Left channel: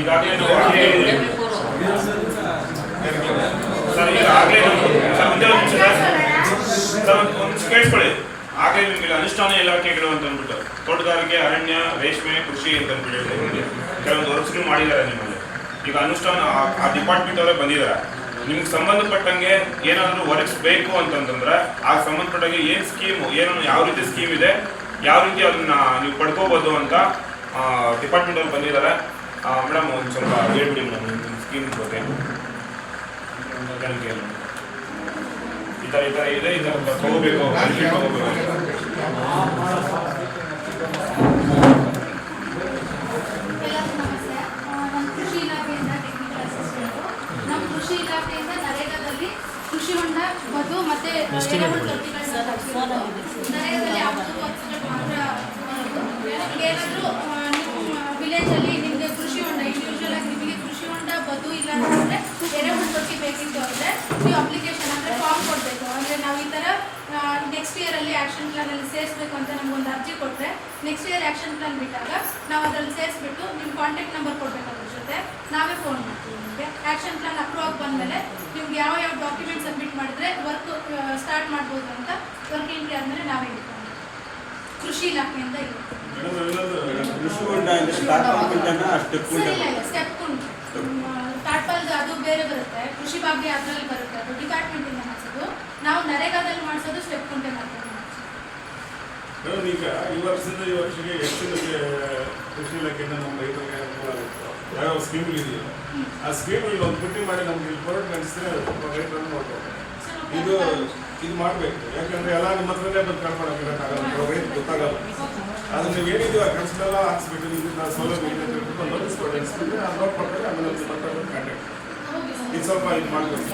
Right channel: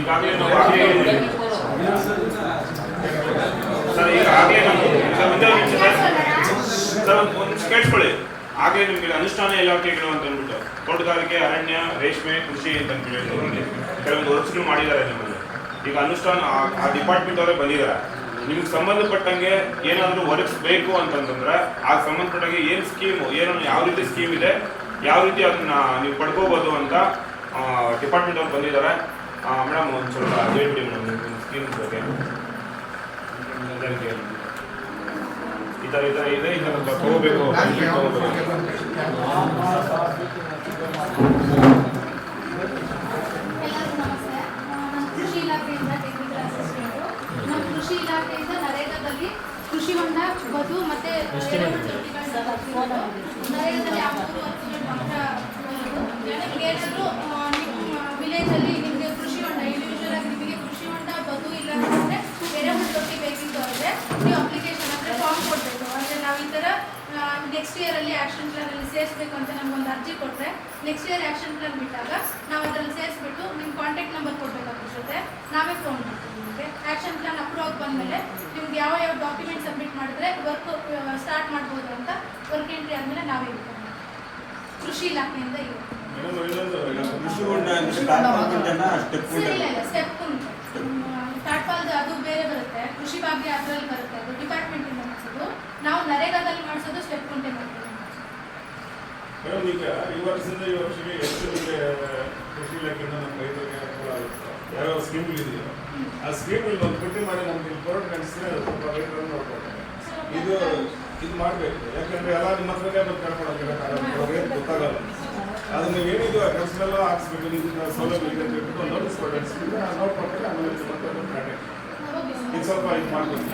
ಈಗಾಗಲೇ ನಾವು ಸರ್ ಈಗಾಗಲೇ ಒಂದು ಕೇಳಿಸ್ಕೊಳ್ಳಿ. ಹಾಗೆ ನಿಮಗೆ ಅನುಷ್ಠಾನ ಇಲಾಖೆಗಳು ಅಂತ ಅಂದ್ಬಿಟ್ಟು ತೋಟಗಾರಿಕೆ, ಅರಣ್ಯ, ರೇಷ್ಮೆ, ಕೃಷಿ ಅಂತ ಹೇಳಿ ಕೆಲವೊಂದು ವರ್ಕ್ಸ್ಗಳು ಮಾಡಿದ್ದಾರೆ ನಿಮ್ಮಲ್ಲಿ. ಈಗ ಅನುಷ್ಠಾನ ಆ ಡಿಪಾರ್ಟ್ಮೆಂಟ್ ಅವರೇ ಬಂದಿದ್ದಾರೆ. ನಿಮ್ಗೆ ಸಂಬಂಧಪಟ್ಟಂಗೆ ಏನಾದರೂ ವರ್ಕ್ಸ್ ಬೇಕು ಅಂತಂತಂದ್ರೆ ಆ ಸಂಬಂಧಪಟ್ಟಂಗೆ ಏನು ಸ್ಕೀಮು, ಏನು ಯಾವ ರೀತಿ ಸ್ಕೀಮ್ ಇದೆ, ಯಾವ ರೀತಿ ಅದನ್ನ ನೀವು ಪಡ್ಕೋಬೋದು ಅಂತ ಡಿಪಾರ್ಟ್ಮೆಂಟ್ ಅವ್ರು ಬಂದಿದ್ದಾರೆ. ಮೇಡಮ್ ಒಂದು ಸ್ವಲ್ಪ ಹೇಳ್ಬಿಡಿ ಮೇಡಮ್ ನಿಮ್ಮ ಸ್ಕೀಮ್ ಬಗ್ಗೆ. ಈ ಥರ ಇದೆ, ಈ ಥರ ತಗೋಬೇಕು, ತಗೋಬೇಕು. ಕೃಷಿ ಇಲಾಖೆಯಿಂದ ನರೇಗಾದಲ್ಲಿ ಕೃಷಿ ಹೊಂಡ, ಬದು ಮತ್ತೆ ನರೇಗಾದಲ್ಲಿ ಏನಾದರೂ ನಿಮ್ಮ ವಿಲೇಜಲ್ಲಿ ನಿಮಗೆ ಕೃಷಿ ಹೊಂಡ, ಇಂಡಿವಿಜುವಲ್ ಆಗಿ ನಿಮಗೆ ಕೃಷಿ ಹೊಂಡ, ಬದು ಇಲ್ಲ ಅಂತಂದರೆ ಎರೆಹುಳು ತೊಟ್ಟಿ ಬೇಕಿತ್ತು ಅಂದರೆ ನೀವು ಅಪ್ಲಿಕೇಶನ್ ಅಂದರೆ ಫಾರ್ಮ್ ಕೊಡಬೇಕು. ಅಂದರೆ ನಾವು ಈ ಥರ ನೆಕ್ಸ್ಟ್ ಇಯರಲ್ಲಿ ಆ್ಯಕ್ಷನ್ ಪ್ಲಾನಲ್ಲಿ ಸೇರಿಸ್ಬೇಕು ಅಂತ ನಮಗೊಂದು ಅರ್ಜಿ ಕೊಟ್ಟರೆ ನೆಕ್ಸ್ಟ್ ಇಯರ್ ಆ್ಯಕ್ಷನ್ ಪ್ಲಾನ್ ಬಿಟ್ಟಾಗ ನಾವು ಅದರಲ್ಲಿ ಸೇರಿಸ್ಬಿಟ್ಟು ನಿಮ್ಮ ಕಾಂಟ್ಯಾಕ್ಟ್ ನಂಬರ್ ಕೊಡಬೇಕು. ಅದ್ರ ಜೊತೆ ನಾವೇ ಫೋನ್ ಮಾಡ್ತೀವಿ ನಿಮಗೆ. ಆ್ಯಕ್ಷನ್ ಪ್ಲಾನ್ ಅಪ್ರೂವ್ ಆಗಿ ಬಂದಮೇಲೆ ನಿಮ್ಗೆ ಯಾವ ಡಾಕ್ಯುಮೆಂಟ್ ಸಬ್ಮಿಟ್ ಮಾಡಿದ್ರೆ ವರ್ಕ್ ಸ್ಟಾರ್ಟ್ ಮಾಡ್ಬೋದು ಅಂತ ವರ್ಕ್ ಎಂಟ್ರಿ ಆದಮೇಲೆ ನಾವೇ ಹೇಳ್ತೀವಿ. ಕೃಷಿ ಇಲಾಖೆಯಿಂದ ಇರುತ್ತೆ. ಸ್ಟೆಪ್ ಉಂಟು. ಟಾಟ್ಪಾಲ್ದು ಅದು ಬೇರೆ ಬರುತ್ತೆ, ಕೃಷಿ ಭಾಗ್ಯ ಅದರಲ್ಲಿ ಬರುತ್ತೆ, ಅದು ಡಿಪಾರ್ಟ್ಮೆಂಟಿಂದ ಮಾಡಿಸೋದು. ನಾವು ನರೇಗಾದಲ್ಲಿ ಮಾಡಿಸೋದು ಸ್ಟೆಪ್ ಕುಂಟೆ ಮಾಡ್ತೀವಿ. ಈಗ ಈ ವರ್ಷದಿಂದ ಈ ವರ್ಷಕ್ಕೆ ಎಷ್ಟು ಕೃಷಿ ಇಲಾಖೆಯಿಂದ ನಮ್ಮ ರೈತರಿಗೆ ಯಾವ ಸ್ಕೀಮ್ಗಳಿದೆಯೋ ಆ ಸ್ಕೀಮ್ಗಳಲ್ಲಿ ಒಂದು ಪಟ್ಟಿ ಮಾಡಿ ನಮ್ಗೆ ಇಲ್ಲಿ ಕೊರೋಡ್ ಕಾಣಿಸಿದ್ರೆ ರೈತರನ್ನು ನೋಡ್ಬೋದು. ಇದು ಮಾಡಬೇಕು. ಯಾಕಂದ್ರೆ ಎಲ್ಲ ನಿಮ್ಮ ಹತ್ರನೇ ಬಂದು ಕಳ್ಕೊಳ್ಳೋಕ್ಕಾಗಲ್ಲ, ರೈತ ಗೊತ್ತಾಗಲ್ಲ. ಅದನ್ನ ನೀವೇನಿದೆಯೋ ಆ ಕೆಲಸಗಳೆಲ್ಲ ಹಾಕ್ಸ್ಬಿಟ್ಟು ಇದನ್ನ ಸೌಲಭ್ಯ ಇದೆ ಅಂತ ಹೇಳ್ಬಿಟ್ಟು ಒಂದು ನೋಟಿಸ್ ಕೊಟ್ಟು ಅನಿಸ್ಬಿಟ್ರೆ ಆ ನೋಟ್ ಕೊಟ್ಟರೆ ಆಮೇಲೆ ಮತ್ತೆ ಕಾಂಟ್ಯಾಕ್ಟ್ ಇದು ಸ್ವಲ್ಪ ಇದು ಮಾಡ್ಬೋದು.